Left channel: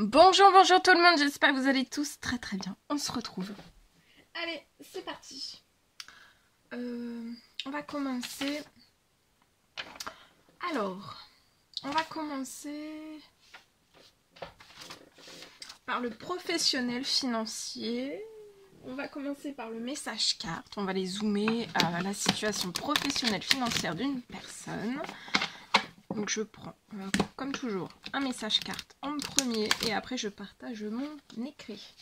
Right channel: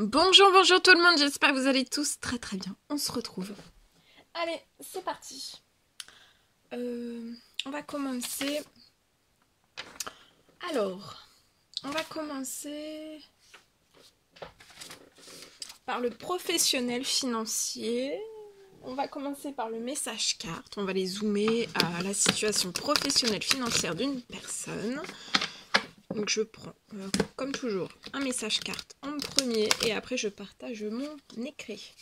Bonjour, bonjour tout le monde, j'espère que vous allez tous très très bien. On se retrouve. Allez, c'est parti. On va commencer. Alors, on va commencer par le professionnel financier. On va commencer par le message carte. On va les zoomer à la situation professionnelle financière d'une personne. Donc je prends, comme toujours, un message carte en premier et après je partage mon écrit.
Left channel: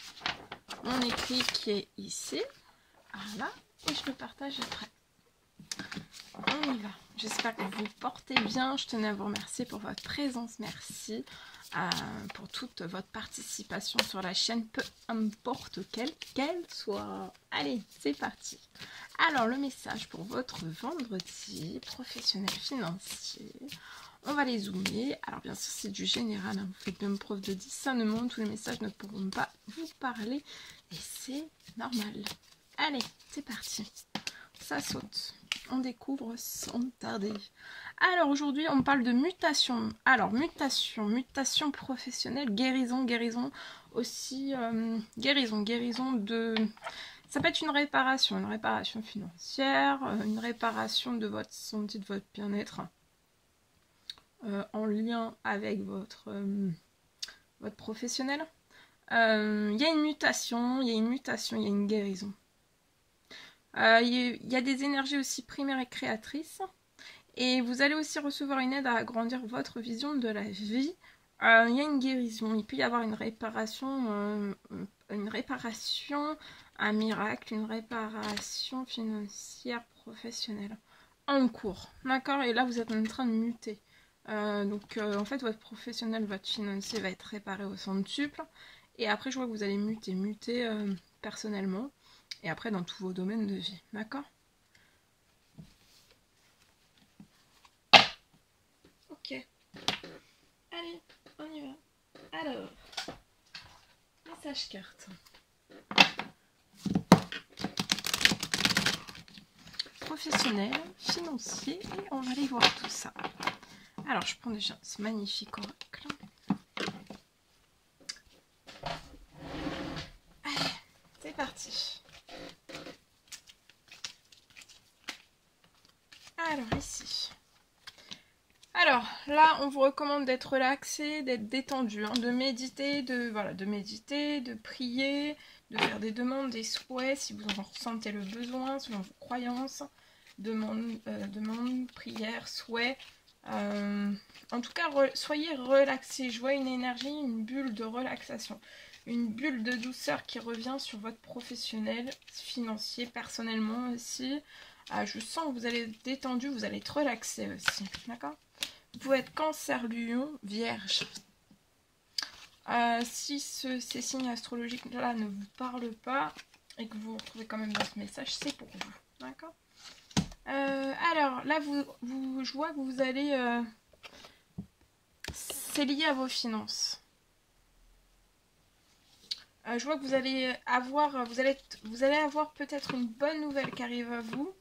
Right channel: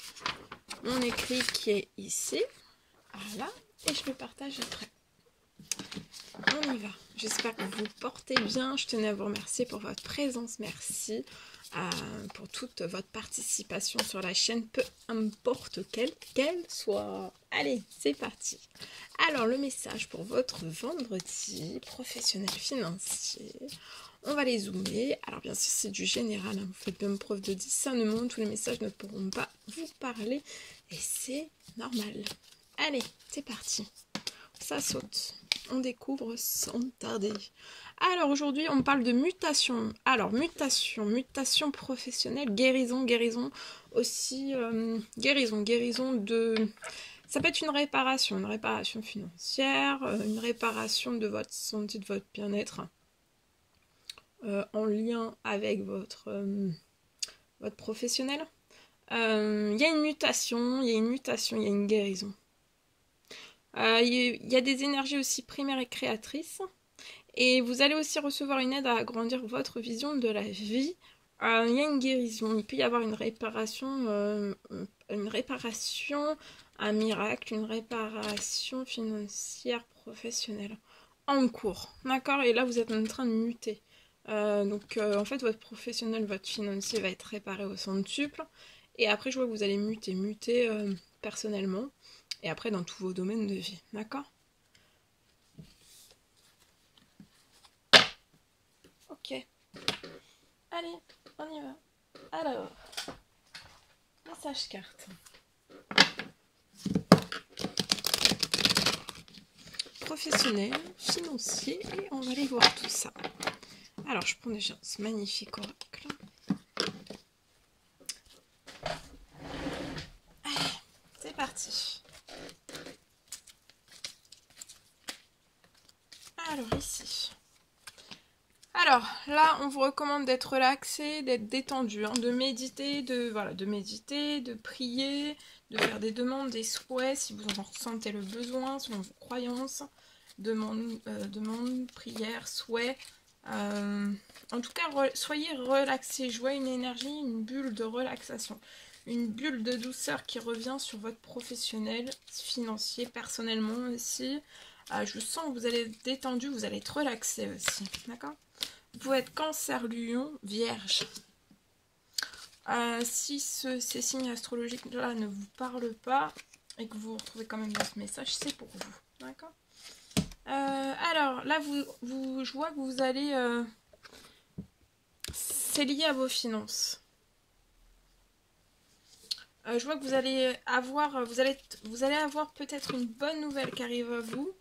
Mon écrit qui est ici. Voilà. Et je le partage après. On y va. J'espère que vous vous portez bien. Je tenais à vous remercier pour votre présence. Merci pour toute votre participation sur la chaîne, peu importe qu'elle soit. Allez, c'est parti. Alors, le message pour votre vendredi professionnel financier. On va les zoomer. Alors, bien sûr, c'est du général. Hein. Vous faites même preuve de discernement. Tous les messages ne pourront pas vous parler. Et c'est normal. Allez, c'est parti. Ça saute. On découvre sans tarder. Alors, aujourd'hui, on parle de mutation. Alors, mutation professionnelle, guérison aussi. Guérison de... Ça peut être une réparation financière, une réparation de votre santé, de votre bien-être, en lien avec votre professionnel. Il y a une mutation, il y a une guérison. Il y a des énergies aussi primaires et créatrices. Et vous allez aussi recevoir une aide à agrandir votre vision de la vie. Il y a une guérison, il peut y avoir une réparation, un miracle, une réparation financière professionnelle en cours. D'accord? Et là, vous êtes en train de muter. En fait, votre professionnel, votre financier va être réparé au centuple. Et après, je vois que vous allez muter personnellement. Et après, dans tous vos domaines de vie. D'accord? Ok. Allez, on y va. Alors, message carte. Professionnel, financier, et on va aller voir tout ça. Alors, je prends déjà ce magnifique oracle. Allez, c'est parti. Alors, ici. Alors, là, on vous recommande d'être relaxé, d'être détendu, hein, de méditer, de prier, de faire des demandes, des souhaits, si vous en ressentez le besoin, selon vos croyances, demandes, prières, souhaits. En tout cas, soyez relaxés. Je vois une énergie, une bulle de relaxation, une bulle de douceur qui revient sur votre professionnel, financier, personnellement aussi. Je sens que vous allez être détendu, vous allez être relaxé aussi, d'accord? Vous pouvez être Cancer, Lion, Vierge. Si ces signes astrologiques-là ne vous parlent pas et que vous vous retrouvez quand même dans ce message, c'est pour vous, d'accord? Alors, là, je vois que vous allez... c'est lié à vos finances. Je vois que vous allez avoir... Vous allez avoir peut-être une bonne nouvelle qui arrive à vous.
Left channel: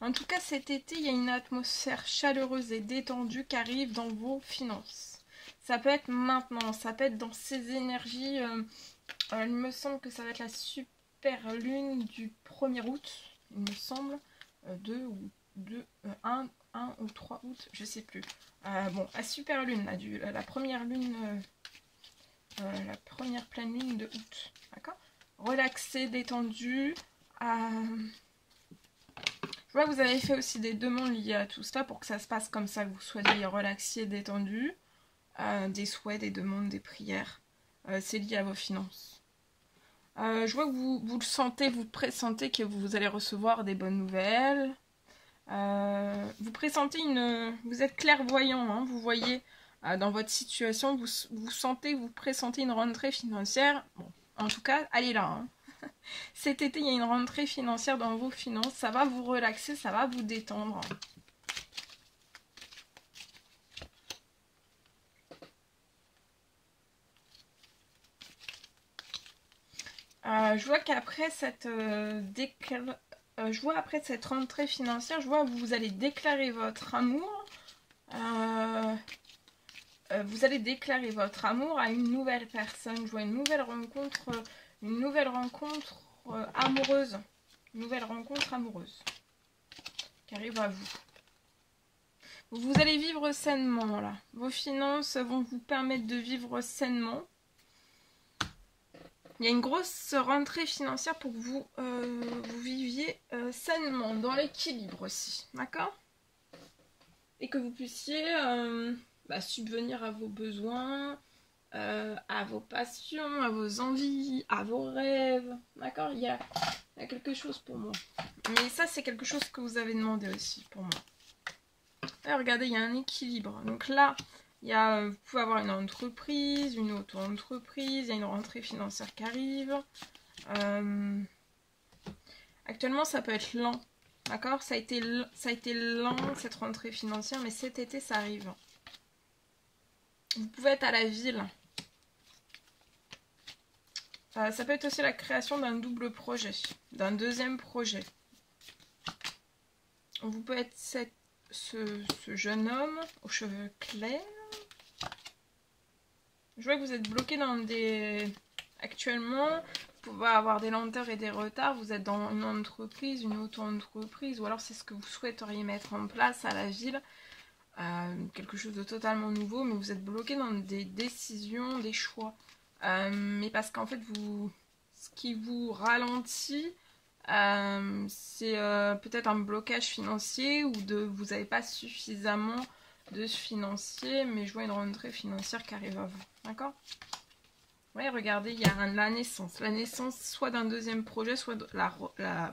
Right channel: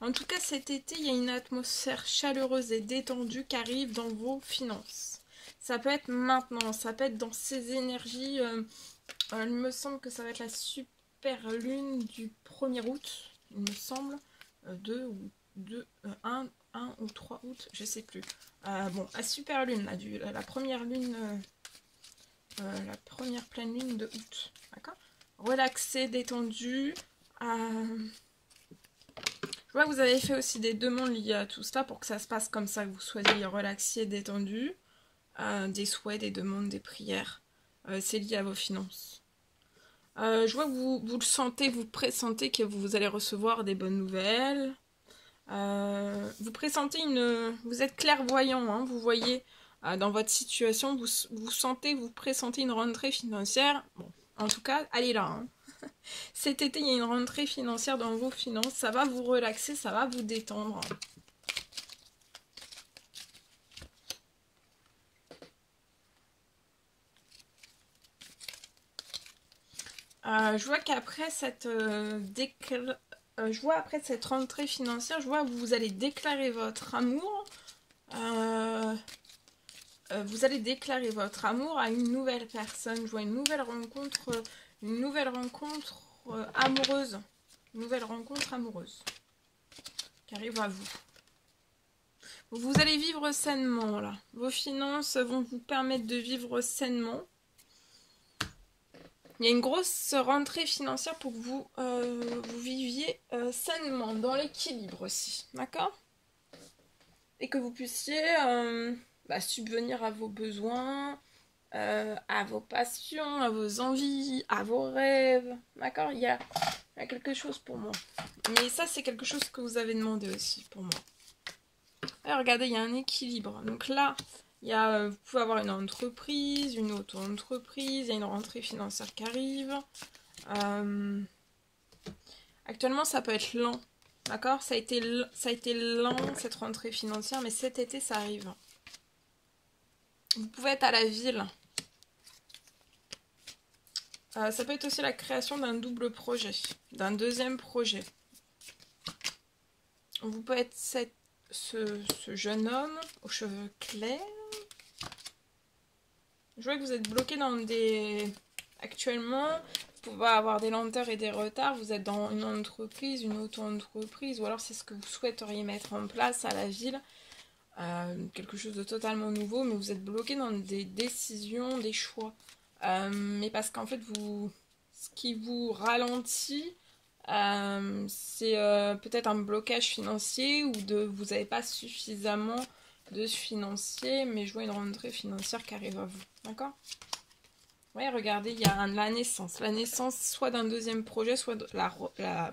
En tout cas, cet été, il y a une atmosphère chaleureuse et détendue qui arrive dans vos finances. Ça peut être maintenant, ça peut être dans ces énergies. Il me semble que ça va être la super lune du 1er août, il me semble. 1 ou 3 août, je sais plus. Bon, la super lune, la première lune, la première pleine lune de août. D'accord? Relaxé, détendu. Je vois que vous avez fait aussi des demandes liées à tout ça pour que ça se passe comme ça, que vous soyez relaxé, détendu. Des souhaits, des demandes, des prières. C'est lié à vos finances. Je vois que vous le sentez, vous pressentez que vous allez recevoir des bonnes nouvelles. Vous pressentez vous êtes clairvoyant, hein, vous voyez dans votre situation, vous sentez, vous pressentez une rentrée financière. Bon, en tout cas, allez là. Hein. Cet été, il y a une rentrée financière dans vos finances. Ça va vous relaxer, ça va vous détendre. Je vois qu'après cette après cette rentrée financière, je vois que vous allez déclarer votre amour. vous allez déclarer votre amour à une nouvelle personne. Je vois une nouvelle rencontre amoureuse. Une nouvelle rencontre amoureuse qui arrive à vous. Vous allez vivre sainement là. Vos finances vont vous permettre de vivre sainement. Il y a une grosse rentrée financière pour que vous viviez sainement, dans l'équilibre aussi. D'accord? Et que vous puissiez subvenir à vos besoins, à vos passions, à vos envies, à vos rêves. D'accord? Il y a quelque chose pour moi. Mais ça, c'est quelque chose que vous avez demandé aussi pour moi. Et regardez, il y a un équilibre. Donc là, vous pouvez avoir une entreprise, une auto-entreprise, il y a une rentrée financière qui arrive. Actuellement, ça peut être lent. D'accord? Ça a été lent, cette rentrée financière, mais cet été, ça arrive. Vous pouvez être à la ville. Ça peut être aussi la création d'un double projet, d'un deuxième projet. Vous pouvez être ce jeune homme aux cheveux clairs. Je vois que vous êtes bloqué dans des... Actuellement, vous pouvez avoir des lenteurs et des retards. Vous êtes dans une entreprise, une auto-entreprise, ou alors c'est ce que vous souhaiteriez mettre en place à la ville. Quelque chose de totalement nouveau, mais vous êtes bloqué dans des décisions, des choix. Mais parce qu'en fait, ce qui vous ralentit, c'est peut-être un blocage financier ou vous n'avez pas suffisamment de financier, mais je vois une rentrée financière qui arrive à vous. D'accord? Oui, regardez, il y a la naissance. La naissance soit d'un deuxième projet, soit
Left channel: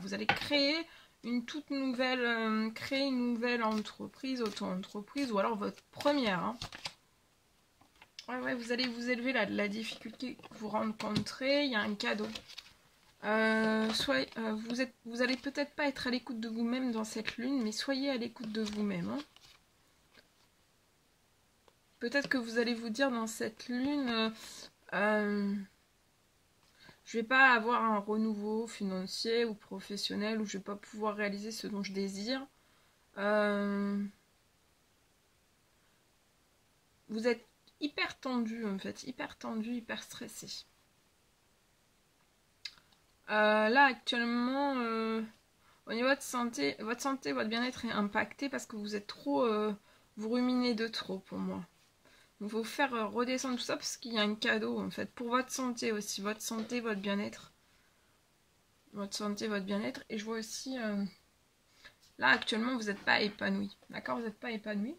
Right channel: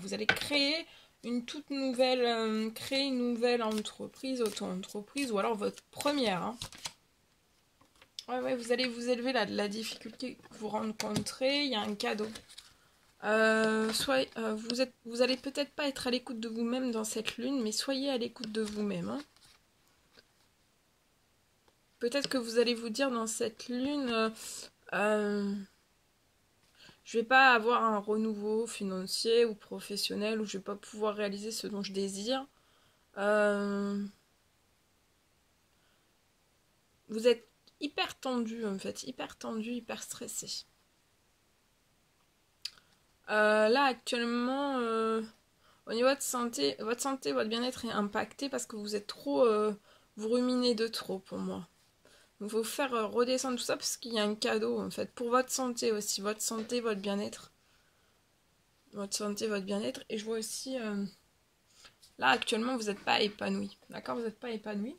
vous allez créer une toute nouvelle, créer une nouvelle entreprise, auto-entreprise, ou alors votre première. Hein. Ouais, vous allez vous élever là de la difficulté que vous rencontrez. Il y a un cadeau. Vous allez peut-être pas être à l'écoute de vous-même dans cette lune, mais soyez à l'écoute de vous-même. Hein. Peut-être que vous allez vous dire dans cette lune, je vais pas avoir un renouveau financier ou professionnel, ou je vais pas pouvoir réaliser ce dont je désire. Vous êtes hyper tendu en fait, hyper tendu, hyper stressé. Là actuellement, au niveau de santé, votre bien-être est impacté parce que vous êtes trop, vous ruminez de trop pour moi. Donc il faut faire redescendre tout ça parce qu'il y a un cadeau en fait pour votre santé aussi, votre santé, votre bien-être. Votre santé, votre bien-être. Et je vois aussi, là actuellement vous n'êtes pas épanoui, d'accord? Vous n'êtes pas épanoui.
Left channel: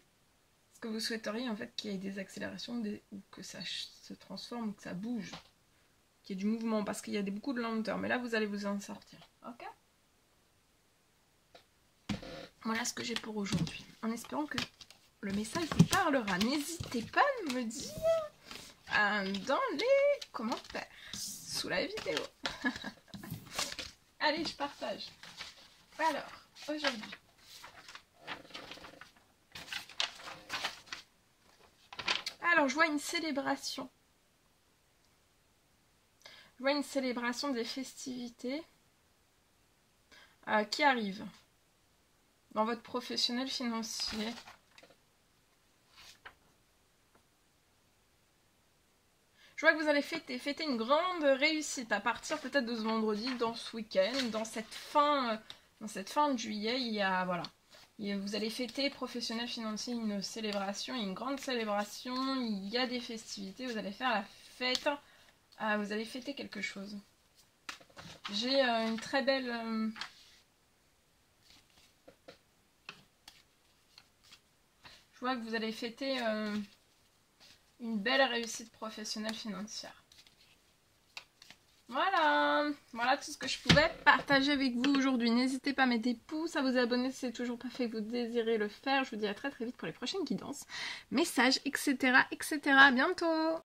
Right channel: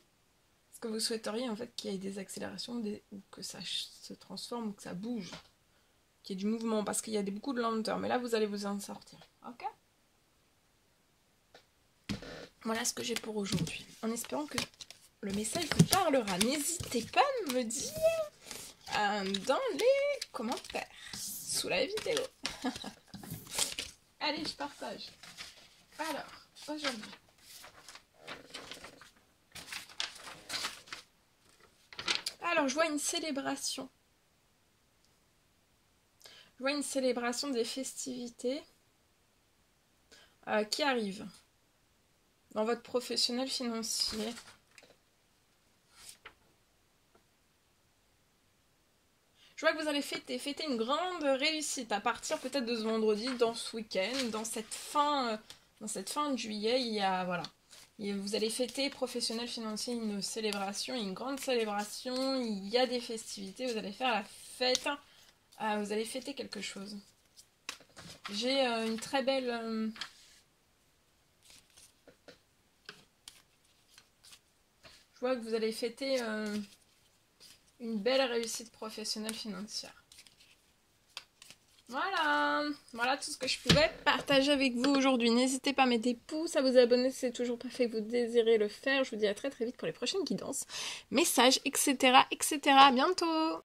Ce que vous souhaiteriez en fait qu'il y ait des accélérations ou que ça se transforme ou que ça bouge. Qu'il y ait du mouvement parce qu'il y a beaucoup de lenteur. Mais là vous allez vous en sortir, ok? Voilà ce que j'ai pour aujourd'hui. En espérant que le message vous parlera. N'hésitez pas à me dire dans les commentaires sous la vidéo. Allez, je partage. Alors, aujourd'hui. Alors, je vois une célébration. Je vois une célébration des festivités qui arrive dans votre professionnel financier. Je vois que vous allez fêter une grande réussite à partir peut-être de ce vendredi, dans ce week-end, dans cette fin de juillet, il y a, voilà. Vous allez fêter professionnel financier une célébration, une grande célébration, il y a des festivités, vous allez faire la fête, vous allez fêter quelque chose. J'ai une très belle... je vois que vous allez fêter une belle réussite professionnelle financière. Voilà tout ce que je pouvais partager avec vous aujourd'hui. N'hésitez pas à mettre des pouces, à vous abonner si c'est toujours pas fait, que vous désirez le faire. Je vous dis à très très vite pour les prochaines guidances, messages, etc. À bientôt!